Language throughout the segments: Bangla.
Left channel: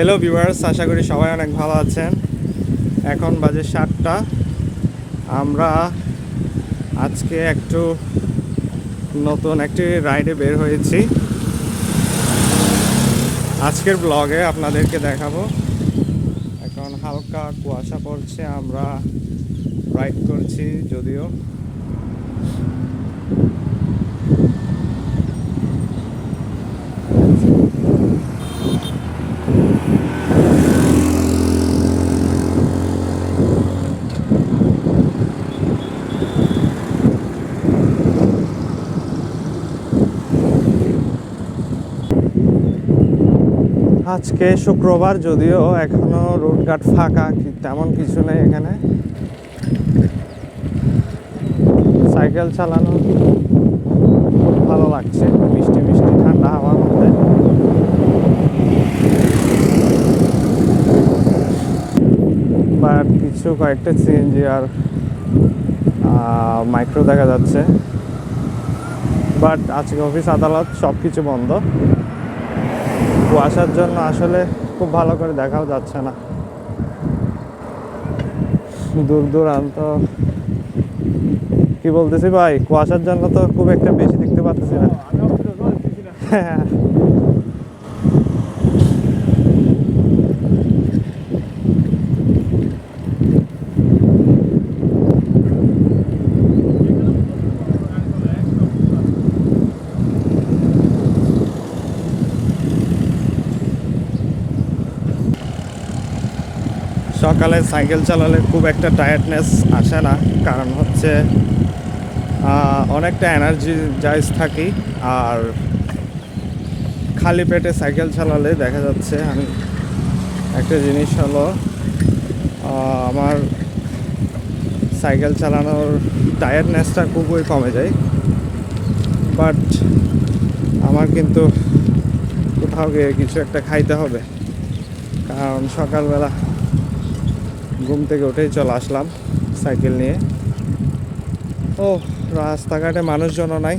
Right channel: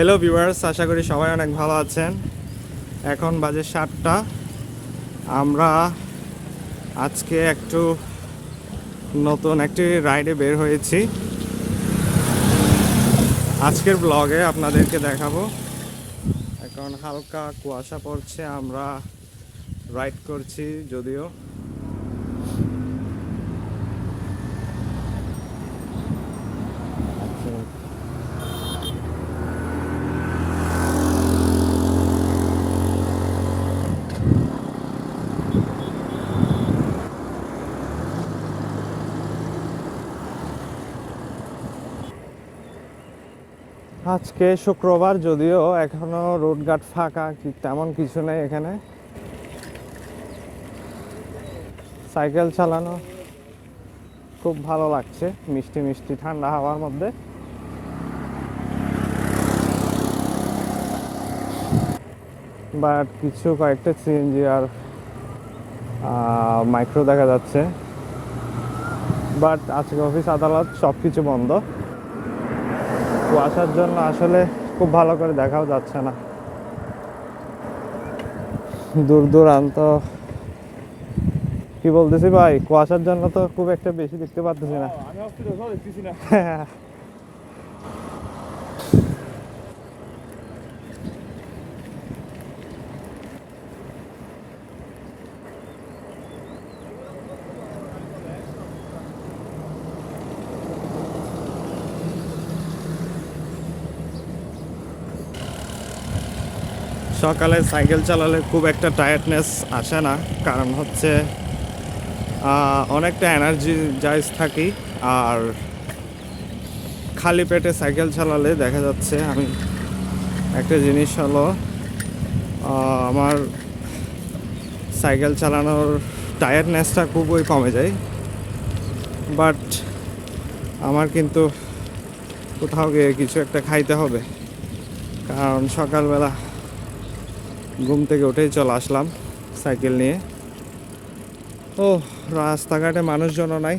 হ্যালো ভিউয়ার্স, আশা করি সবাই অনেক ভালো আছেন। এখন বাজে 7টা। আমরা আজকে একটু নতুন একটি রাইডে বের হয়েছি। আজকের ব্লগে আপনাদেরকে দেখাবো। এখন হালকা কুয়াশা পড়ছে, আমরা রাইড করছি যদিও। আজকে শুক্রবার, যদিও এখনো রোডঘাট ফাঁকা, তেমন কিছু নেই এখানে। সাইকেল চালানো খুব ভালো লাগছে, মিষ্টি মিষ্টি ঠান্ডা হাওয়ার মধ্যে। বাট কিছু কয়েকটা সিএনজি আর মাইক্রো দেখা যাচ্ছে। বাট আজকে অফিস আদালত সব কিছু বন্ধ। কুয়াশার জন্য আসলে খুব ভালো করে দেখাও যাচ্ছে না। দূর দূরান্ত কি বলতেছি ভাই, কুয়াশার জন্য তো খুব একটা বেশি দেখতে পাচ্ছি না। সকালে সাইকেল চালালে খুব একটা টায়ার্ডনেস আসে না, কারণ হচ্ছে অনেকটা এনার্জি জাইজ থাকি। আর খালি পেটে সাইকেল চালালে দেখা যাচ্ছে, আমি একটা জিনিস হলো, আমার সাইকেল চালানোর টায়ার্ডনেসটা খুবই কমে যায়। বাট আমার কিন্তু কোথাও গিয়ে কিছু একটা খাইতে হবে, কারণ সকালবেলা ঘুম থেকে উঠেই চলে আসলাম সাইকেল নিয়ে। ও, রাস্তাঘাটে মানুষজনও নাই।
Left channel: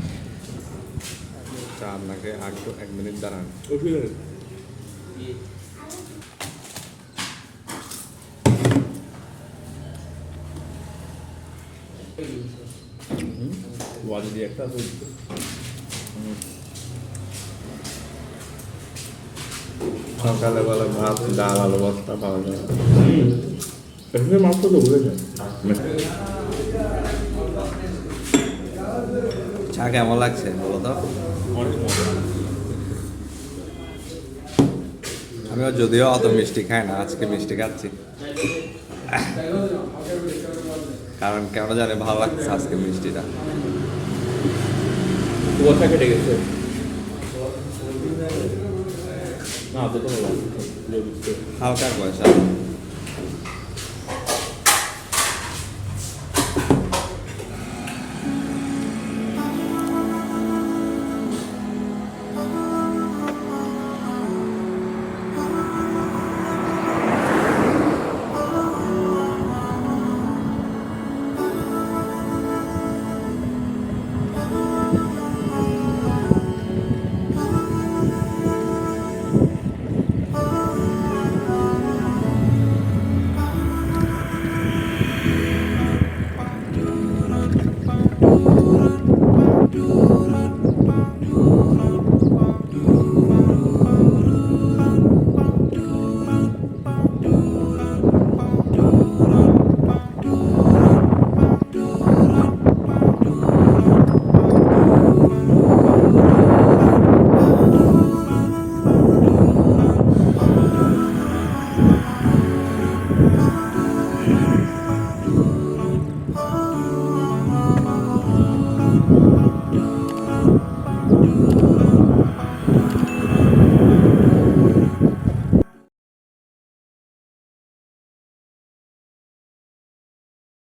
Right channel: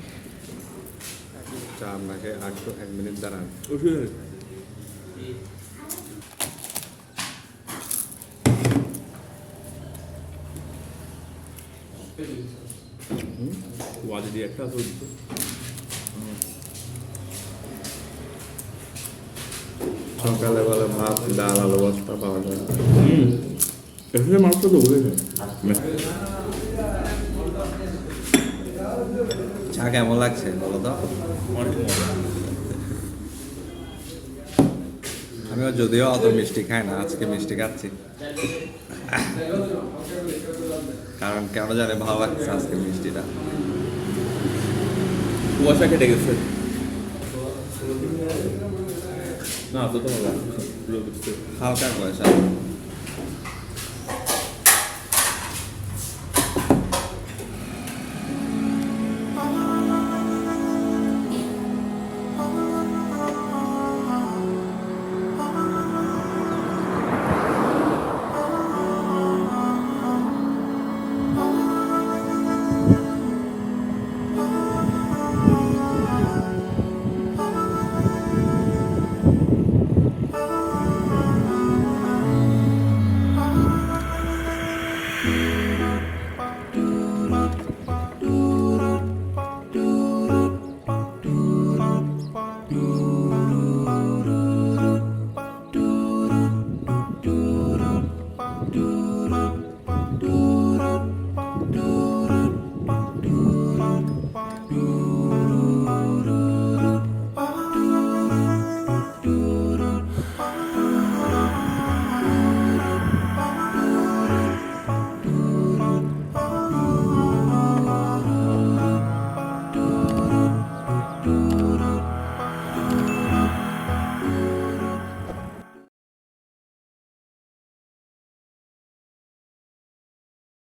আপনাকে একটু 1 মিনিট দাঁড়ান। সকালে বেলা ভাত, ডাল, আলু ভর্তা পাওয়া যায়। মাত্র তো হয়ে যায়। চা কেমন লাগছে বলো তো? আমিও যদিও অত মিষ্টি খাই না, আজকে মিষ্টি খাচ্ছি, কারণ কেন জানে ভালো লাগছে আজকে মিষ্টিটা। কুয়াশা কেটে গেছে না, হালকা কুয়াশা।